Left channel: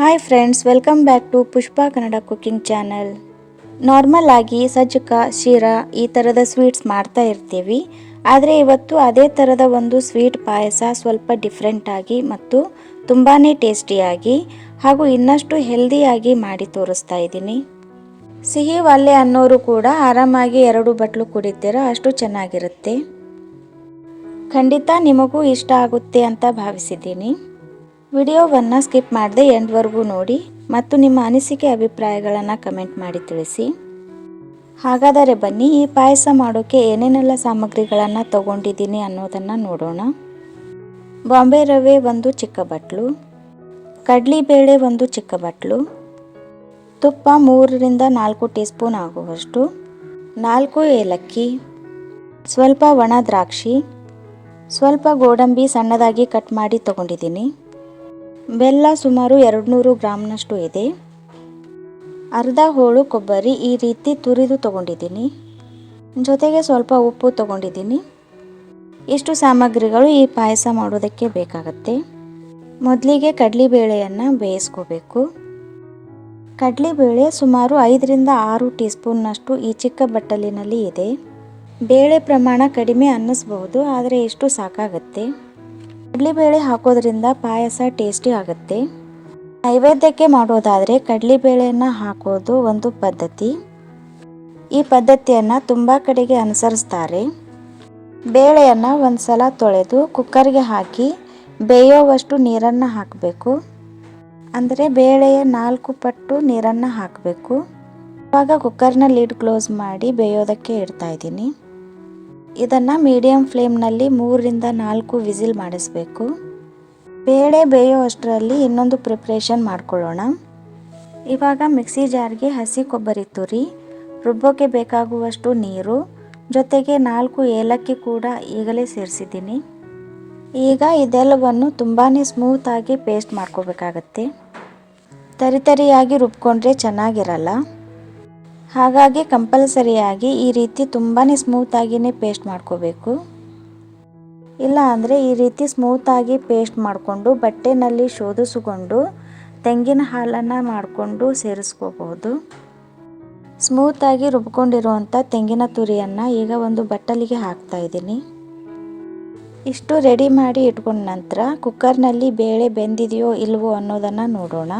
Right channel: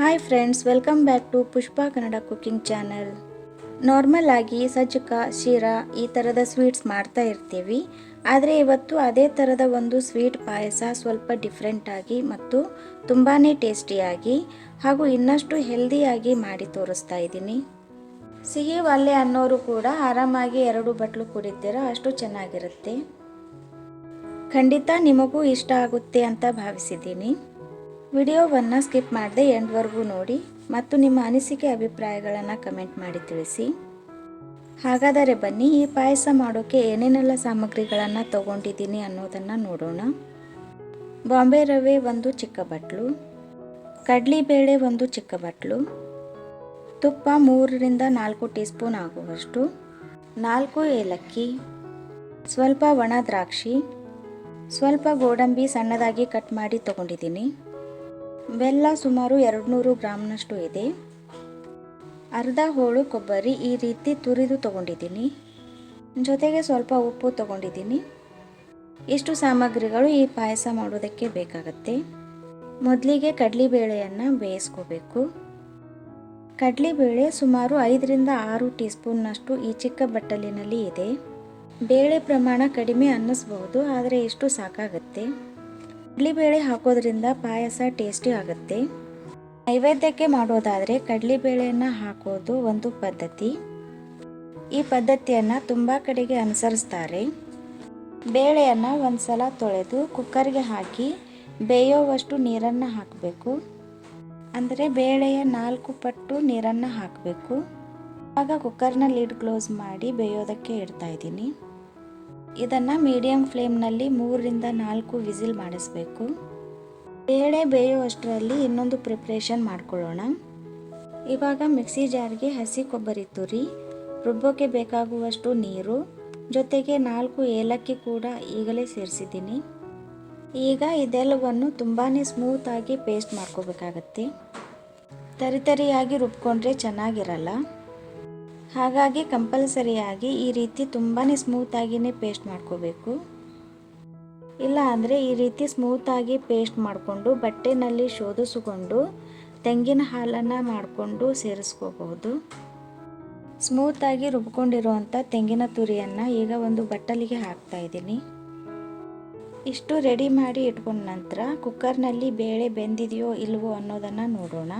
Hi friends, welcome back to Pushpa Kannada cooking channel. Normal ಆಗಿ ಸಜ್ಜಕ, ಶೀರಾ ಈ ಥರದ ಸ್ವೀಟ್ಸ್ ಮಾಡ್ತಾ ಇರ್ತೀವಿ. ಆದರೆ ಇವತ್ತು ಅದೇ ಥರದ ಒಂದು ಸ್ವೀಟ್ ಪಾಯಸ ಸ್ವಲ್ಪ ಡಿಫ್ರೆಂಟಾಗಿ ಮತ್ತು ತುಂಬಾ ಟೇಸ್ಟಿಯಾಗಿ ಹಾಗೂ ಇನ್ನಷ್ಟು ಹೆಲ್ದಿಯಾಗಿ ಮಾಡಿ ತೋರಿಸ್ತಾ ಇದ್ದೀನಿ. ಸಿಹಿ ಒಲ್ಲೆ ಅನ್ನೋರು ಕೂಡ ಆರಾಮಾಗಿ 2 ಬಟ್ಲು ಕುಡಿತೀರ, ಅಷ್ಟು ಚೆನ್ನಾಗಿರುತ್ತೆ. ಖಂಡಿತ ನಿಮಗೂ ಇಷ್ಟ ಆಗುತ್ತೆ ಅಂತ ಭಾವಿಸಿದ್ದೀನಿ. ವಿಡಿಯೋವನ್ನು ಸ್ಕಿಪ್ ಮಾಡದೆ ಎಂಡ್ವರೆಗೂ ನೋಡಿ ಮತ್ತು ನಿಮ್ಮ ಅನಿಸಿಕೆ ಅಭಿಪ್ರಾಯಗಳನ್ನು ಕಮೆಂಟ್ ಮಾಡಿ ತಿಳಿಸಿ. ಹಾಗಾದರೆ ಬನ್ನಿ, ಈ ಪಾಯಸ ಮಾಡೋಕ್ಕೆ ಏನೇನೆಲ್ಲ ಸಾಮಗ್ರಿಗಳನ್ನು ತಗೊಂಡಿದ್ದೀನಿ ಅನ್ನೋದನ್ನು ನೋಡೋಣ. ಬಾಂಬೆ ರವೆ 1 ಚಿಕ್ಕ ಬಟ್ಲು, ಕಡಲೆಬೇಳೆ 1 ಚಿಕ್ಕ ಬಟ್ಲು, ತುಪ್ಪ 3 ರಿಂದ 4 ಟೀ ಸ್ಪೂನ್ ಆಗುವಷ್ಟು, 4 ಏಲಕ್ಕಿ, ಸ್ವಲ್ಪ ಒಣ ದ್ರಾಕ್ಷಿ, ಸ್ವಲ್ಪ ಗೋಡಂಬಿ ಸಣ್ಣದಾಗಿ ಕಟ್ ಮಾಡಿ ತಗೊಂಡಿದ್ದೀನಿ, ಬೆಲ್ಲ ಸುಮಾರು 200 ಗ್ರಾಮ್ನಷ್ಟು ಇದೆ, ಅರ್ಧ ಹೋಳು ಕೊಬ್ಬರಿ ಈ ರೀತಿ ತುರಿದು ತಗೊಂಡಿದ್ದೀನಿ, ಜೊತೆಗೆ ಸ್ವಲ್ಪ ಉಪ್ಪು ತಗೊಂಡಿದ್ದೀನಿ. ಇಷ್ಟು ಸಾಮಗ್ರಿಗಳು ಈ ಪಾಯಸ ಮಾಡೋದಕ್ಕೆ ಬೇಕಾಗುತ್ತೆ. ಮೊದಲಿಗೆ ಕಡಲೆಬೇಳೆಯನ್ನು ಬೇಯಿಸ್ಕೋಬೇಕು. ಕಡಲೆಬೇಳೆ ಸುಮಾರು 5 ರಿಂದ 6 ಟೀ ಸ್ಪೂನ್ನಷ್ಟು ಈ ಚಿಕ್ಕ ಬಟ್ಟಲಿನಲ್ಲಿ ಇದೆ. ಬೇಳೆ ಪ್ರಮಾಣ ಕಡಿಮೆ ಅನ್ನಿಸ್ಬಹುದು, ಆದರೆ ಇಷ್ಟು ಸಾಕಾಗುತ್ತೆ. ಕಡಲೆಬೇಳೆ ಹಾಕೋದ್ರಿಂದ ಪಾಯಸ ಟೇಸ್ಟಿ ಆಗುತ್ತೆ. ನೈವೇದ್ಯಕ್ಕೆ ಮಾಡೋದಾದರೆ ಕಡಲೆಬೇಳೆಯನ್ನು ಹಾಕೋದು ಒಂದು ಪದ್ಧತಿ. ಈ ಪದ್ಧತಿಯನ್ನು ತುಂಬ ಕಡೆಗೆ ಅನುಸರಿಸ್ತಾರೆ. ಬೇಳೆಯನ್ನು ಒಂದು ಸಲ ತೊಳೆದು ಕುಕ್ಕರ್ಗೆ ಹಾಕಿ ಬೇಯೋವಷ್ಟು ನೀರನ್ನು ಹಾಕಬೇಕು. ಅಂದರೆ ಬೇಳೆಯ 4 ಪಟ್ಟು ನೀರನ್ನು ಹಾಕಬೇಕು. ಇವಾಗ ಕುಕ್ಕರ್ನ ಲಿಡ್ ಕ್ಲೋಸ್ ಮಾಡಿ ಬೇಯೋದಕ್ಕೆ ಇಡ್ತಾ ಇದ್ದೀನಿ. ಇದನ್ನು ಮೀಡಿಯಂ ಫ್ಲೇಮ್ನಲ್ಲಿ 3 ರಿಂದ 4 ವಿಸಿಲ್ ಮಾಡಿಸ್ಬೇಕು. ಬೇಳೆ ಬೇಯೋ ಅಷ್ಟರಲ್ಲಿ ಇನ್ನೊಂದು ಪ್ರಿಪ್ರೇಷನ್ ಮಾಡ್ಕೊಳ್ಳೋಣ. ಇವಾಗ ಮಿಕ್ಸಿ ಜಾರ್ಗೆ ಹಸಿ ಕೊಬ್ಬರಿ ತುರಿ, ರುಬ್ಬೋಕ್ಕೆ ಬೇಕಾಗುವಷ್ಟು ನೀರು, ಜೊತೆಗೆ 4 ಏಲಕ್ಕಿ ಕೂಡ ಈಗಲೇ ಸೇರಿಸಿದ್ದೀನಿ. ಈಗ ಇದೆಲ್ಲವನ್ನು ತುಂಬಾ ಸ್ಮೂತಾಗಿ ಪೇಸ್ಟ್ ಮಾಡ್ಕೋಬೇಕಾಗತ್ತೆ. ತರಿಯಾಗಿ ರುಬ್ಕೊಂಡ್ರೆ ಚೆನ್ನಾಗಿರಲ್ಲ. ಹಾಗಾಗಿ ಕಂಪಲ್ಸರಿಯಾಗಿ ಈ ರೀತಿ ತುಂಬಾ ಸ್ಮೂತಾಗಿಯೇ ಪೇಸ್ಟ್ ಮಾಡ್ಕೋಬೇಕು. ಇಲ್ಲ ಅಂದರೆ ಈ ರೀತಿ ಸ್ಮೂತಾಗಿ ಪೇಸ್ಟ್ ಮಾಡಿಕೊಂಡು ಬಟ್ಟೆನಲ್ಲಿ ಶೋಧಿಸಿಕೊಂಡು ತೆಂಗಿನ ಹಾಲನ್ನು ಮಾಡಿಕೊಂಡು ಸೇರಿಸ್ಕೋಬಹುದು. ಸ್ಮೂತಾಗಿ ರುಬ್ಕೊಂಡಿರುವಂಥ ತೆಂಗಿನ ತುರಿಯನ್ನು ಈಗ ಒಂದು ಬಟ್ಟಲಿಗೆ ಹಾಕ್ತಾ ಇದ್ದೀನಿ. ಇಷ್ಟು ರೆಡಿ ಮಾಡಿ ಇಟ್ಕೊಂಡ ನಂತರ ಕುಕ್ಕರ್ನಲ್ಲಿ ಬೇಳೆ ಬೆಂದಿದೆಯೋ ಇಲ್ವೋ ಅನ್ನೋದನ್ನು ನೋಡೋಣ.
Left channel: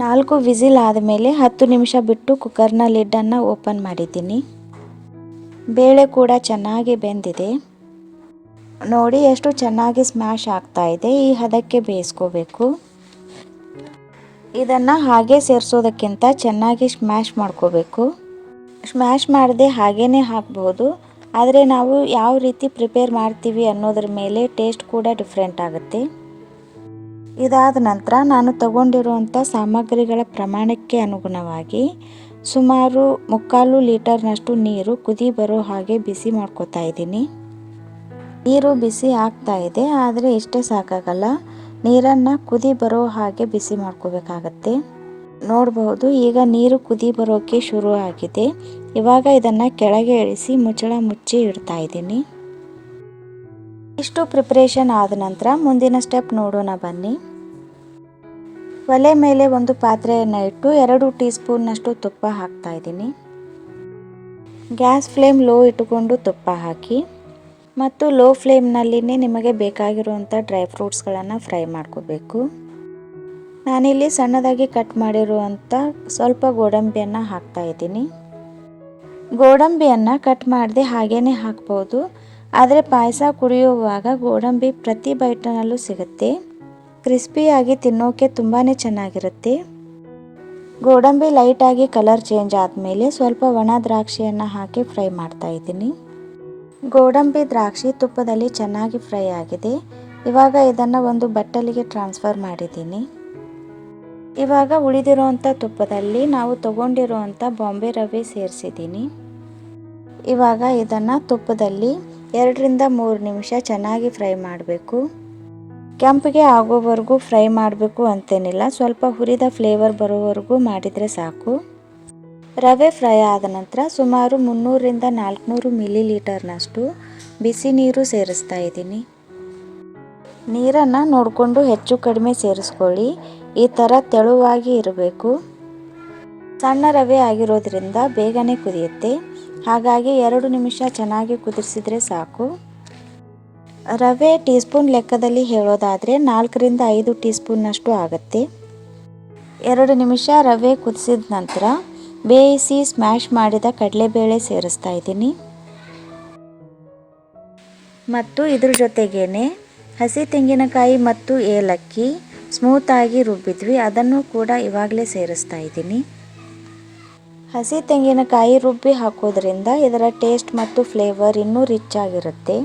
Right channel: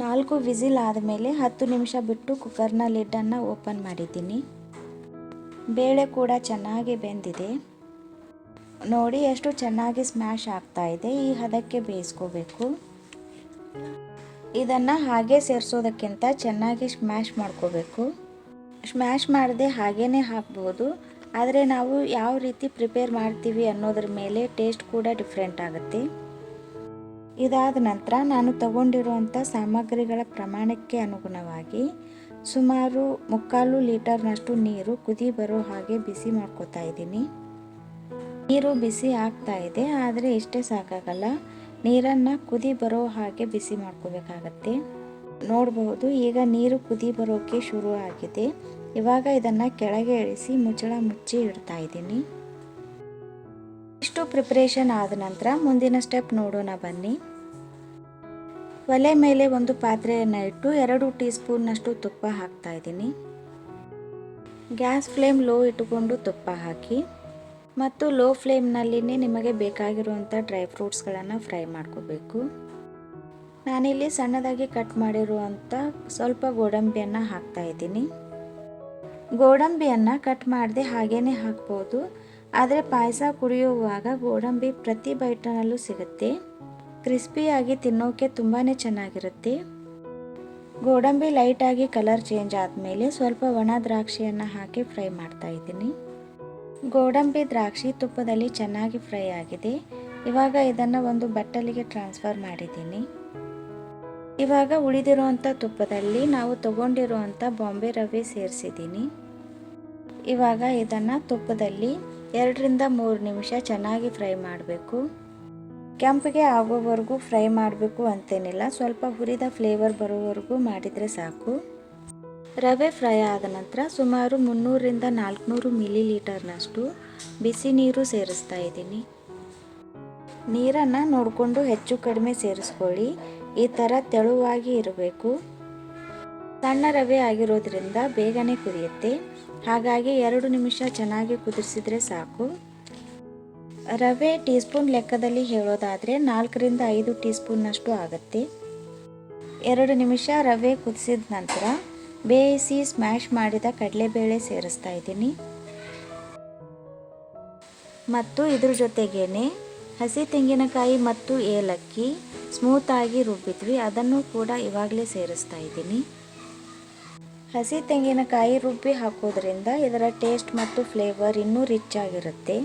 4 ವಿಸಿಲ್ ಆದಮೇಲೆ 10 ನಿಮಿಷ ಬಿಟ್ಟು ಕುಕ್ಕರ್ನ ಲಿಡ್ಡನ್ನು ಓಪನ್ ಮಾಡಿದ್ದೀನಿ. ಬೇಳೆ ಕೂಡ ಚೆನ್ನಾಗಿ ಬೆಂದಿದೆ. ನೋಡಿ ಎಷ್ಟು ಚೆನ್ನಾಗಿ ಸ್ಮ್ಯಾಶ್ ಆಗ್ತಾ ಇದೆ. ಈ ಹದಕ್ಕೆ ಬೇಯಿಸ್ಕೋಬೇಕು. ಇದನ್ನು ಹಾಗೆ ಸೇರಿಸೋದಕ್ಕಿಂತ ಚೆನ್ನಾಗಿ ಸ್ಮ್ಯಾಶ್ ಮಾಡ್ಕೋಬೇಕು. ಸ್ಮ್ಯಾಶ್ ಮಾಡದೆ ಹಾಗೇ ಹಾಕ್ಬೋದು, ಆದರೆ ನಾವು ಯಾವ ರೀತಿ ಪ್ರಿಪೇರ್ ಮಾಡ್ತೀವಿ ಅನ್ನೋದ್ರ ಮೇಲೆ ಟೇಸ್ಟ್ ಕೂಡ ಡಿಫ್ರೆಂಟ್ ಆಗುತ್ತೆ. ಇದಾದ ನಂತರ ನಾನು ತಗೊಂಡಿರುವಂಥ ಸಾಮಗ್ರಿಗಳ ಪ್ರಮಾಣಕ್ಕೆ ಅನುಗುಣವಾಗಿ ಸುಮಾರು 3/4 ಲೀಟರ್ನಷ್ಟು ನೀರು ಕುದಿ ಬರೋ ಹಾಗೆ ಬಿಸಿ ಮಾಡ್ಕೋತಾ ಇದ್ದೀನಿ. ನೀರು ಬಿಸಿ ಆಗ್ತಾ ಇದೆ, ಆದರೆ ಇಷ್ಟೇ ಸಾಕಾಗಲ್ಲ. ನೀರನ್ನು ಕುದಿ ಬರೋ ಹಾಗೆ ಬಿಸಿ ಮಾಡ್ಕೋಬೇಕಾಗತ್ತೆ. ನೋಡಬಹುದು, ಈಗ ನೀರು ಕುದಿ ಬರೋಕ್ಕೆ ಶುರು ಆಗಿದೆ. ಇವಾಗ ಇದನ್ನು ಕೆಳಗೆ ಇಳಿಸಿ ಮುಚ್ಚಳ ಮುಚ್ಚಿ ಇಡ್ತಾ ಇದ್ದೀನಿ. ಇಷ್ಟು ಪ್ರಿಪ್ರೇಷನ್ ಆದ ನಂತರ ಮುಂದಿನ ಸ್ಟೆಪ್ ನೋಡೋಣ ಬನ್ನಿ. ಒಲೆ ಮೇಲೆ ಒಂದು ಪಾತ್ರೆಯನ್ನು ಇಟ್ಟು 2 ಟೀ ಸ್ಪೂನ್ನಷ್ಟು ತುಪ್ಪ ಹಾಕ್ತಾ ಇದ್ದೀನಿ. ಗ್ಯಾಸ್ ಫ್ಲೇಮ್ ಲೋ ಇಟ್ಟುಕೊಂಡು ತುಪ್ಪ ಹಾಕಿ ಮತ್ತು ಲೋ ಫ್ಲೇಮ್ನಲ್ಲಿನೇ ನಿಮಗೆ ಬೇಕಾಗಿರುವಂಥ ಡ್ರೈ ಫ್ರೂಟ್ಸ್ಗಳನ್ನು ಫ್ರೈ ಮಾಡ್ಕೋಬೇಕು. ನಾನಿಲ್ಲಿ ಸಣ್ಣದಾಗಿ ಕಟ್ ಮಾಡಿರುವಂಥ ಸ್ವಲ್ಪ ಗೋಡಂಬಿಯನ್ನು ಹಾಕ್ತಾ ಇದ್ದೀನಿ. ಗೋಡಂಬಿಯನ್ನು ಕಟ್ ಮಾಡದೆ ಹಾಗೇ ಹಾಕ್ಬೋದು, ಆದರೆ ಪಾಯಸ ಕುಡಿಯುವಾಗ ಗೋಡಂಬಿ ಪ್ರತಿ ಬೈಟ್ನಲ್ಲೂ ಸಿಗುತ್ತೆ. ಕ್ರಿಸ್ಪಿಯಾಗಿ ತಿನ್ನೋಕೆ ತುಂಬಾ ಚೆನ್ನಾಗಿರುತ್ತೆ. ಗೋಡಂಬಿ ಲೈಟಾಗಿ ಕಲರ್ ಚೇಂಜ್ ಆದಮೇಲೆ ಸ್ವಲ್ಪ ಒಣ ದ್ರಾಕ್ಷಿಯನ್ನು ಹಾಕಿ ಫ್ರೈ ಮಾಡ್ತಾ ಇದ್ದೀನಿ. ಗೋಡಂಬಿ ದ್ರಾಕ್ಷಿ ತುಪ್ಪದಲ್ಲಿ ಚೆನ್ನಾಗಿ ಫ್ರೈ ಆಗಿದೆ. ಇವಾಗ ಇದನ್ನು ಒಂದು ಬಟ್ಟಲಿಗೆ ಟ್ರಾನ್ಸ್ಫರ್ ಮಾಡಿದ್ದೀನಿ. ಇವಾಗ ಉಳಿದಿರುವಂಥ ತುಪ್ಪದಲ್ಲಿ ನಾವು ತಗೊಂಡಿರುವಂಥ ಬಾಂಬೆ ರವೆ ಸೇರಿಸಿದ್ದೀನಿ. ಇವಾಗ ಇದನ್ನು ತುಪ್ಪದಲ್ಲಿ 2 ರಿಂದ 3 ನಿಮಿಷ ಚೆನ್ನಾಗಿ ಫ್ರೈ ಮಾಡಬೇಕು. ಕೆಂಪಿಗೆ ಆಗೋವರೆಗೂ ಫ್ರೈ ಮಾಡಬೇಕು ಅಂತೇನಿಲ್ಲ, ಸ್ವಲ್ಪ ಹುರಿದ ಫ್ಲೇವರ್ ಬರೋವರೆಗೂ ಮಾಡಿದರೆ ಸಾಕು. ರವೆ ಫ್ರೈ ಆದ ನಂತರ ಸುಮಾರು 300 ರಿಂದ 400 ಮಿಲಿ ಲೀಟರ್ನಷ್ಟು ಬಿಸಿ ನೀರು ಸೇರಿಸ್ತಾ ಇದ್ದೀನಿ. ನೀರನ್ನು ನೋಡಿಕೊಂಡು ಹೆಚ್ಚು ಕಡಿಮೆ ಸೇರಿಸ್ಕೊಳ್ಳಿ. ಈ ಥರ ತೆಳುವಾಗಿ ಇರಬೇಕು. ಸಣ್ಣ ರವೆ ಆಗಿರೋದ್ರಿಂದ ಬೇಗನೆ ಕುದಿಯುತ್ತೆ. ಹಾಗಾಗಿ 2 ನಿಮಿಷ ಚೆನ್ನಾಗಿ ಕುದಿಸಿದ್ರೆ ಸಾಕು. ರವೆ ಟೀ ಸ್ಪೂನ್ ಲೆಕ್ಕದಲ್ಲಿ ಹೇಳೋದಾದರೆ 4ರಿಂದ 5 ಟೀ ಸ್ಪೂನ್ನಷ್ಟು ಆಗುತ್ತೆ. 2 ನಿಮಿಷ ರವೆ ಕುದಿಸಿದ ನಂತರ ಬೇಯಿಸಿ ಸ್ಮ್ಯಾಶ್ ಮಾಡಿದ ಕಡಲೆಬೇಳೆ ಸೇರಿಸ್ತಾ ಇದ್ದೀನಿ. ಮತ್ತು ಇದ್ರ ಜೊತೆಗೇನೆ ಹಸಿ ತೆಂಗಿನಕಾಯಿ ಮತ್ತು ಏಲಕ್ಕಿ ಸ್ಮೂತಾಗಿ ರುಬ್ಬಿದ್ವಿ, ಅದನ್ನು ಕೂಡ ಇವಾಗಲೇ ಸೇರಿಸ್ತಾ ಇದ್ದೀನಿ. ಹಸಿ ತೆಂಗಿನಕಾಯಿ ರುಬ್ಬಿ ಹಾಕೋದ್ರಿಂದ ಇದರ ಟೇಸ್ಟ್ ಮತ್ತು ಫ್ಲೇವರ್ ಇನ್ನೂ ರಿಚ್ ಆಗಿರುತ್ತೆ.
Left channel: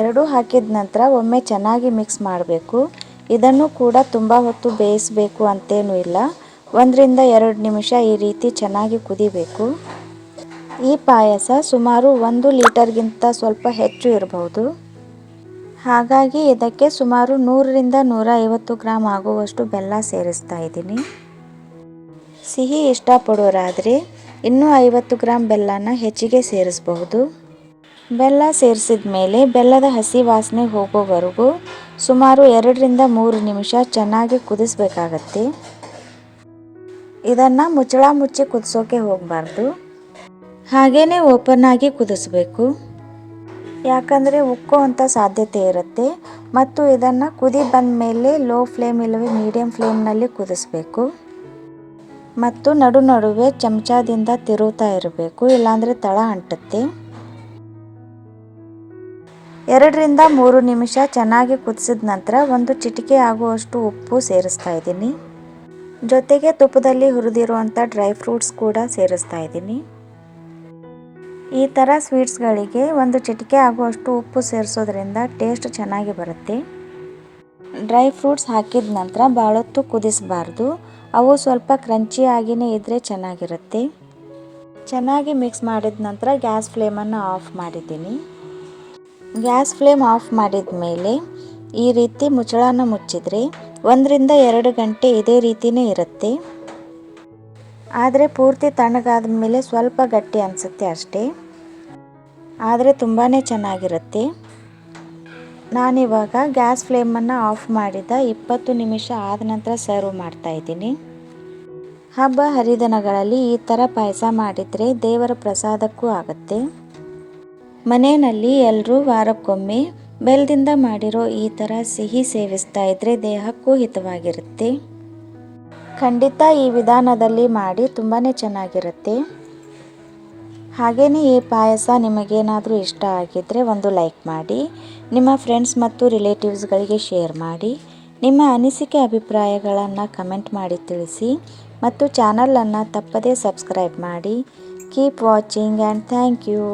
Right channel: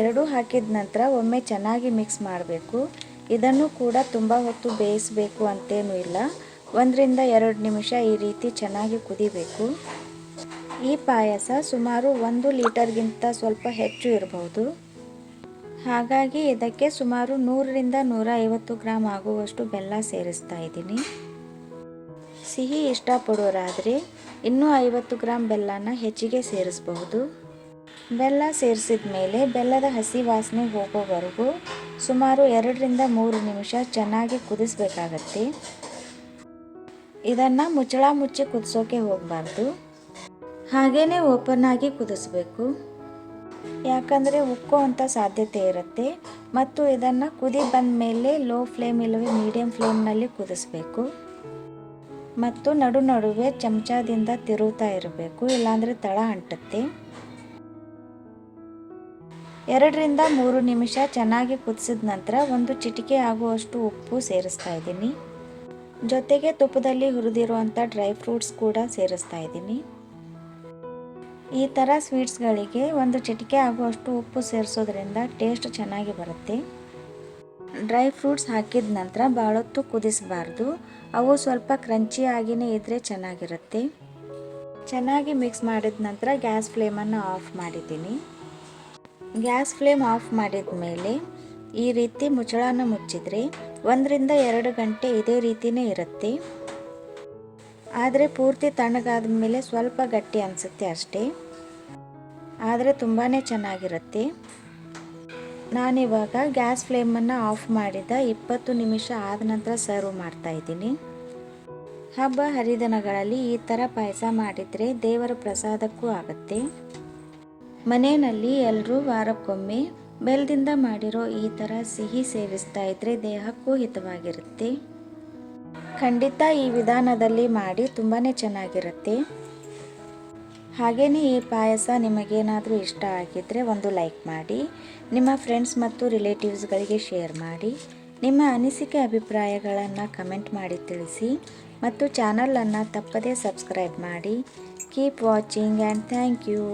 ಎರಡೂ ಹಾಕಿದ ನಂತರ ಒಮ್ಮೆ ಚೆನ್ನಾಗಿ ಮಿಕ್ಸ್ ಮಾಡಬೇಕು. ಇದನ್ನು ಕೂಡ ತುಂಬ ಹೊತ್ತು ಬೇಯಿಸಬೇಕು ಅಂತೇನೂ ಇಲ್ಲ. 1ರಿಂದ 2 ನಿಮಿಷ ಈ ರೀತಿ ಚೆನ್ನಾಗಿ ಕುದಿಬೇಕು. ಈ ಪಾಯಸ ಸುಮಾರು 1 ಲೀಟರ್ಗಿಂತ ಸ್ವಲ್ಪ ಹೆಚ್ಚು ಇರಬಹುದು. ಹಾಗಾಗಿ ಇದಕ್ಕೆ ಸುಮಾರು 100ರಿಂದ 150 ಗ್ರಾಮ್ ಆಗುವಷ್ಟು ಬೆಲ್ಲ ಸೇರಿಸ್ತಾ ಇದ್ದೀನಿ. ಸಿಹಿ ಇಷ್ಟಪಡೋರಾದರೆ ಇನ್ನೂ 50 ಗ್ರಾಮ್ ಬೆಲ್ಲನ ಹೆಚ್ಚಿಗೆ ಸೇರಿಸಬಹುದು. ಬೆಲ್ಲ ಸೇರಿಸಿದ ಮೇಲೆ ಬೆಲ್ಲದ ಹಸಿ ವಾಸನೆ ಹೋಗೋವರೆಗೂ ಸುಮಾರು 2ರಿಂದ 3 ನಿಮಿಷ ಚೆನ್ನಾಗಿ ಕುದಿಸಬೇಕಾಗತ್ತೆ. ಇದನ್ನು ಮುಚ್ಚಳ ಮುಚ್ಚಿ ಕುದಿಸೋಕೆ ಹೋಗಬಾರ್ದು, ಹಾಗೇ ಓಪನ್ ಆಗಿ ಕುದಿಸ್ಬೇಕು. ಯಾಕಂದರೆ ಉಕ್ಕೋ ಅಂಥ ಸಾಧ್ಯತೆ ಇರುತ್ತೆ. ಮತ್ತು ಇದನ್ನು ಕುದಿ ಬಂದ ಮೇಲೆ ಲೋ ಫ್ಲೇಮ್ ಇಲ್ಲವೇ ಮೀಡಿಯಮ್ ಫ್ಲೇಮ್ನಲ್ಲಿ ಕುದಿಸ್ಬೇಕು. ಮತ್ತು ನಡುವೆ ಚಮಚದಿಂದ ತಿರುಗ್ತಾ ಇರಬೇಕು, ಇಲ್ಲಾಂದರೆ ತಳ ಅಂಟುತ್ತೆ. 2ರಿಂದ 3 ನಿಮಿಷ ಚೆನ್ನಾಗಿ ಕುದಿಸಿದ ನಂತರ 1 ಚಿಟಿಕೆ ಆಗುವಷ್ಟು ಉಪ್ಪು ಸೇರಿಸ್ತಾ ಇದ್ದೀನಿ. ಜೊತೆಗೆ ತುಪ್ಪದಲ್ಲಿ ಹುರಿದಿರುವಂಥ ಡ್ರೈ ಫ್ರೂಟ್ಸ್ ಕೂಡ ಸೇರಿಸ್ತಾ ಇದ್ದೀನಿ. ಈ ಥರ ಸ್ವೀಟ್ಸ್ಗಳಿಗೆ 1 ಚಿಟಿಕೆ ಆಗುವಷ್ಟು ಉಪ್ಪು ಸೇರಿಸೋದ್ರಿಂದ ಟೇಸ್ಟ್ ಚೆನ್ನಾಗಿ ಬರುತ್ತೆ. ಡ್ರೈ ಫ್ರೂಟ್ಸ್ ಹಾಕಿದ ನಂತರ ಭಾಳೊತ್ತು ಕುದಿಸಬಾರ್ದು, ಅವು ಸ್ವಲ್ಪ ಕ್ರಂಚಿ ಆಗಿಯೇ ಇದ್ದರೆ ಚೆನ್ನಾಗಿರುತ್ತೆ. ಚೆನ್ನಾಗಿ ಮಿಕ್ಸ್ ಮಾಡಿದ ನಂತರ ಗ್ಯಾಸ್ ಫ್ಲೇಮನ್ನು ಆಫ್ ಮಾಡಿದ್ದೀನಿ. ಗ್ಯಾಸ್ ಫ್ಲೇಮ್ ಆಫ್ ಮಾಡಿದ ಮೇಲೆ ಈ ರೀತಿ ಮುಚ್ಚಳನ ಮುಚ್ಚಿದರೆ 1ರಿಂದ 2 ಗಂಟೆ ಇದೇ ರೀತಿಯೇ ಇರುತ್ತೆ. ಆದರೆ ಪೂರ್ತಿ ತಣ್ಣಗಾದ ಮೇಲೆ ಸ್ವಲ್ಪ ಗಟ್ಟಿ ಅನಿಸುತ್ತೆ ಅಷ್ಟೇ, ಆದರೆ ತುಂಬಾ ಚೆನ್ನಾಗಿರುತ್ತೆ. ನಾನಿವಾಗ ಗ್ಯಾಸ್ ಫ್ಲೇಮನ್ನು ಆಫ್ ಮಾಡಿದ 20 ನಿಮಿಷ ಆದ ನಂತರ ಸರ್ವ್ ಮಾಡ್ತಾಯಿದ್ದೀನಿ. ಹಬ್ಬ ಹರಿದಿನಗಳಲ್ಲಿ ಈ ಥರ ಪಾಯಸ ಮಾಡಿದರೆ ದೇವರ ಪ್ರಸಾದಕ್ಕೂ ಆಗುತ್ತೆ. ಮನೆಯಲ್ಲಿ ಎಲ್ಲರೂ ವಾರಕ್ಕೊಮ್ಮೆ ಬೆಲ್ಲದಿಂದ ಮಾಡಿರೋ ಈ ಥರ ಸಿಹಿ ಸೇವಿಸ್ತಾ ಇದ್ದರೆ ದೇಹಕ್ಕೂ ಹಿತವಾಗಿರುತ್ತೆ. ಖಂಡಿತ ಈ ವಿಧಾನದಲ್ಲಿ ಮಾಡಿ ತುಂಬಾ ಚೆನ್ನಾಗಿರುತ್ತೆ. ಹಾಗೆಯೇ ಈ ಪಾಯಸ ನಿಮಗೇನಾದರೂ ಇಷ್ಟ ಆಗಿದ್ದರೆ ಒಂದು ಲೈಕ್ ಮಾಡಿ, ನಿಮ್ಮ ಫ್ರೆಂಡ್ಸ್ ಮತ್ತು ರಿಲೇಟಿವ್ಸ್ಗಳಿಗೆ ಶೇರ್ ಮಾಡಿ, ನಿಮ್ಮ ಅನಿಸಿಕೆ ಅಭಿಪ್ರಾಯಗಳನ್ನು ಕಮೆಂಟ್ ಮಾಡಿ ತಿಳಿಸಿ ಮತ್ತು ಚಾನಲನ್ನು ತಪ್ಪದೇ ಸಬ್ಸ್ಕ್ರೈಬ್ ಮಾಡಿ. Keep watching and thank you.